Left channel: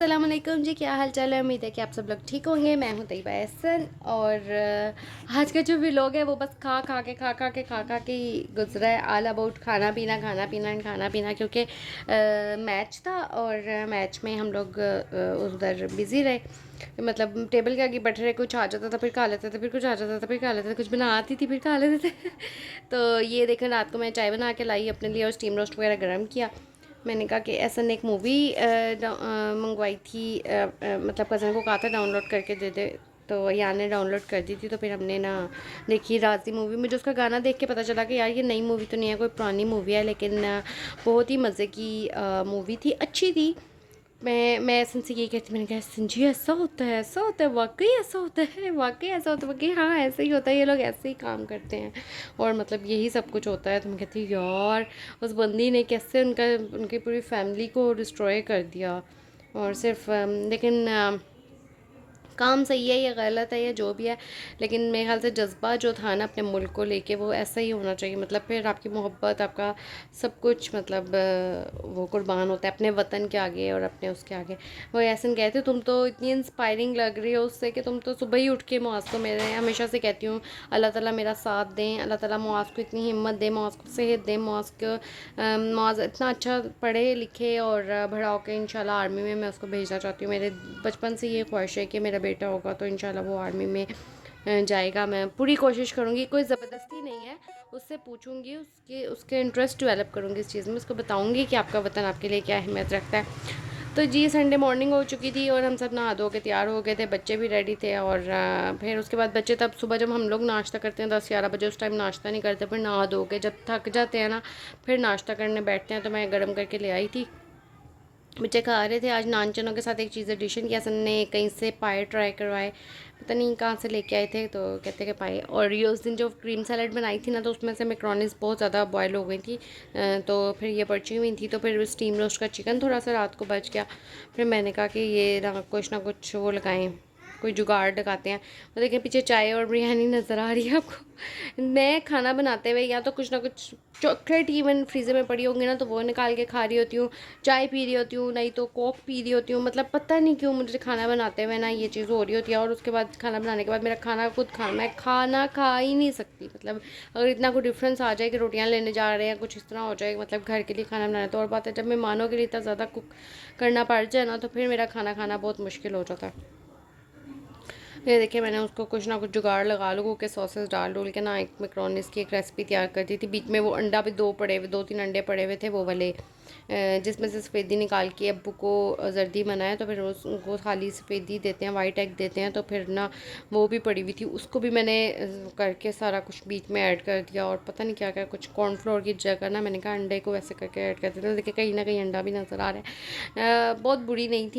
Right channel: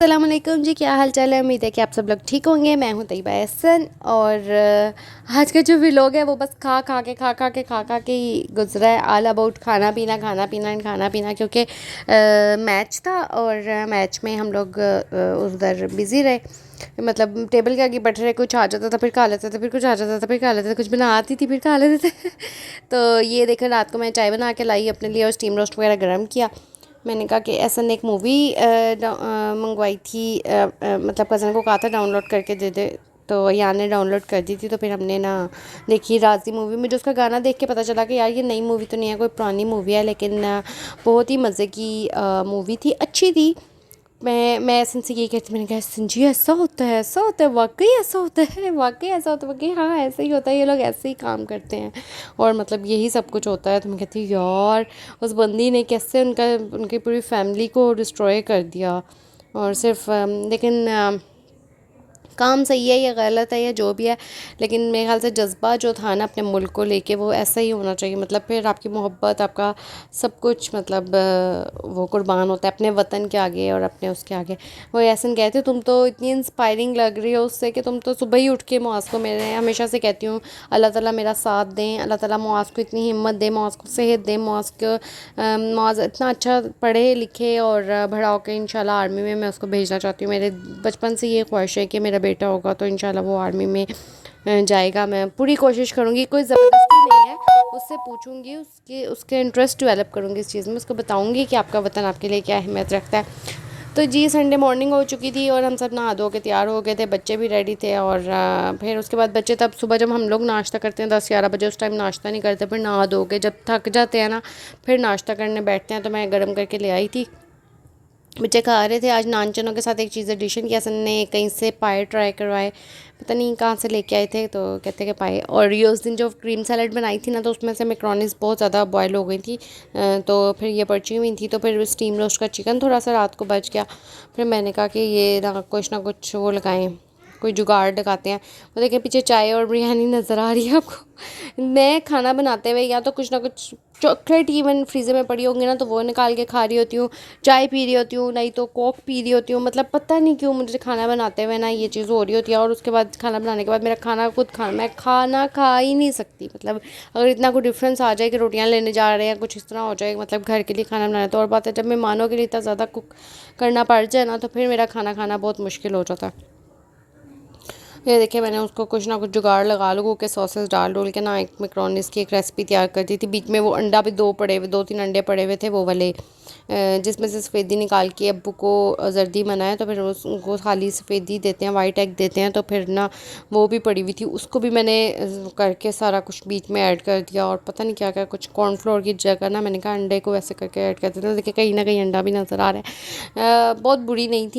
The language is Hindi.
अस्सलामुअलैकुम जी, क्या हाल चाल है। उम्मीद है कि आप सब लोग ठीक होंगे। मैं हूं तैयबा एहसन और आज का जो व्लॉग है वो बस खा खा के ही गुजरा है। ऑल अबाउट खाना पीना एंड खाना पीना, क्योंकि मैच था और मैच में हम लोग उधर बिज़ी रहे। मतलब टेबल के आगे बैठे रहे, कुछ आ जाता था फिर खा लेते थे, फिर कुछ आ जाता था फिर खा लेते थे, कुछ बना आती थी फिर खा लेते थे। तो ये देखो, रात को मैं चाय बना के लाई अपने लिए और स्टीम रोस्ट वगैरह गर्म किया। मैंने कहा कि ऐसा एक मूवी मंगवाई थी, मतलब कज़न को कहा था डाउनलोड करके दे दे, तो यहाँ ने डाउनलोड कर दी थी। तो फिर हमने ना देखी राजी मूवी। मुझे उसका गाना देख के पता चला कि यार ये नई मूवी तो नहीं है, कोई पुरानी मूवी है, लेकिन बहुत ही मज़े की मूवी थी, अच्छी थी। मैं ऐसा से यही कहती, मैंने कहा संजी ऐसा होता है, ऐसा होता है, वाकई ऐसा होता है, वाकई ऐसा होता है, वाकई हाँ ऐसा ही होता है, ये लोग ऐसे ही काम करते हैं और मतलब यही सब कुछ होता है। तो मैं कहती यार उस बंदी ने कैसे उनकी पूरी फैमिली को डिस्ट्रॉय कर दिया। और सिर्फ लेकिन काम सही है या गलत है या जो भी है, लेकिन मेरे ख्याल से जज्बा जो था ना अपने मुल्क को लेके, वो ऐसा ही होना चाहिए। मतलब फिर आपकी मोहब्बत, आपका सब कुछ, मतलब वो कुर्बान होता है अपने वतन के आगे और अपने उसके आगे। वो ऐसा कहते, तुम तो इतनी इंस्पायरिंग लग रही हो उससे कि तुम तो सुबह ही उठ के मुआज़ को, मेरे हमेशा से कहती हूँ अल्लाह ताला मेरा साथ दें, अल्लाह ताला मुआज़ को इतनी हिम्मत दे, मुआज़ को सेहत दे, मुआज़ को मुआज़ इतना अच्छा पढ़े लिखे और बड़ा होकर इंशाल्लाह आर्मी में मैं उसको भेजना चाहती हूँ। मेरे बचपन से ये ख्वाहिश है कि मेरा बेटा होगा तो इंशाल्लाह वो आर्मी में जाएगा। मैं पूरी कोशिश करूँगी, कोई ज़बरदस्ती नहीं है, उससे पूछूंगी, उसके उसके इंटरेस्ट डेवलप करूँगी इस चीज़ में, उसको बताऊँगी कि आपका वतन आपके लिए क्या अहमियत रखता है। तो जी संडे मॉर्निंग हो चुकी थी और हम सब नहा धो के तैयार हो गए थे, बच्चे भी रेडी थे। और फिर उसके बाद बच्चे, तब सुबह जब हम लोग नाश्ता करते हैं 10-11 बजे, उस टाइम नाश्ता नहीं करते, फिर नहा धो के जब थक जाते हैं ना फिर नाश्ता करने बैठते हैं। तो मैं गर्म करके ले आई थी, बच्चे खा रहे थे। आज नान चनों के साथ एक चीज़ एडिशन किया, सन ने कहीं से पाए ट्राई करवाए, पता नहीं कहाँ से लेके आए थे, तो कहते कि पाए। और ये उस दिन जो क्रीम सैलड बनाई थी ना, तो उसमें से मैक्रोनीस बहुत ज़्यादा बॉयल हो गई थी, तो फिर ये बची हुई थी। तो फिर स्टीम रोस्ट का चिकन थोड़ा सा रात को बच गया। फिर मैंने कहा कि ये ना कुछ वो लगाएं, कोई जुगाड़ लगाते हैं। वो देखें पीछे चाय और बिरयानी नज़र आ रही है आपको। मैं खाना बनाते हुए या तो कुछ ना कुछ चॉकलेट इवन फ्रीज़र में पड़ी होंगी ना, तो वो निकाल के खा रही होती हूँ, चाय पी रही होती हूँ, नहीं तो कोक पी रही होती हूँ। मतलब पता नहीं क्यों मुझे खाना बनाते हुए ना ये चीज़ हो रही होती है। और उसके बाद खाना बनाने के बाद मेरा खाना मैं खाना खा ही नहीं सकती। मतलब अगर इतना कोई डिफरेंस आ जाए कि रोटियां लेने जा रहे हैं, कुछ इस तरह हो जाए, मतलब घर के लिए खाना बनाना, तो और बात है। जब मेहमानों के लिए इतना ज़्यादा कुक करना पड़ जाए ना, तो फिर मेरा खाना खाना बहुत मुश्किल हो जाता है। ये देखिए मैंने उसको कुछ ना कुछ जुगाड़ लगा लो के सॉसेस डाल डोल के ना एक मैक्रोनीस की एक रेसिपी तैयार कर दी थी। बीच में वो अंडा भी 2-3 अंडे पड़े हुए थे, वो वाले जिसमें से सफ़ेदी निकाल के अब्बू को जर्दी बनाया, तो फिर उनको खाली सफ़ेदी देते हैं, वाइट एग देते हैं। तो फिर ना वो भी पड़ी हुई थी, उसको भी मैंने करके सारा कुछ बीच में ऐड कर दिया। और पता नहीं क्या क्या कुछ कॉर्नफ्लोर की जगह ना मैंने कहा अंडे को ऐसे करके ऐड कर देते हैं। देखिए कहीं ना कहीं अंडा भी नज़र आ रहा है। बहुत बुरी नहीं थी।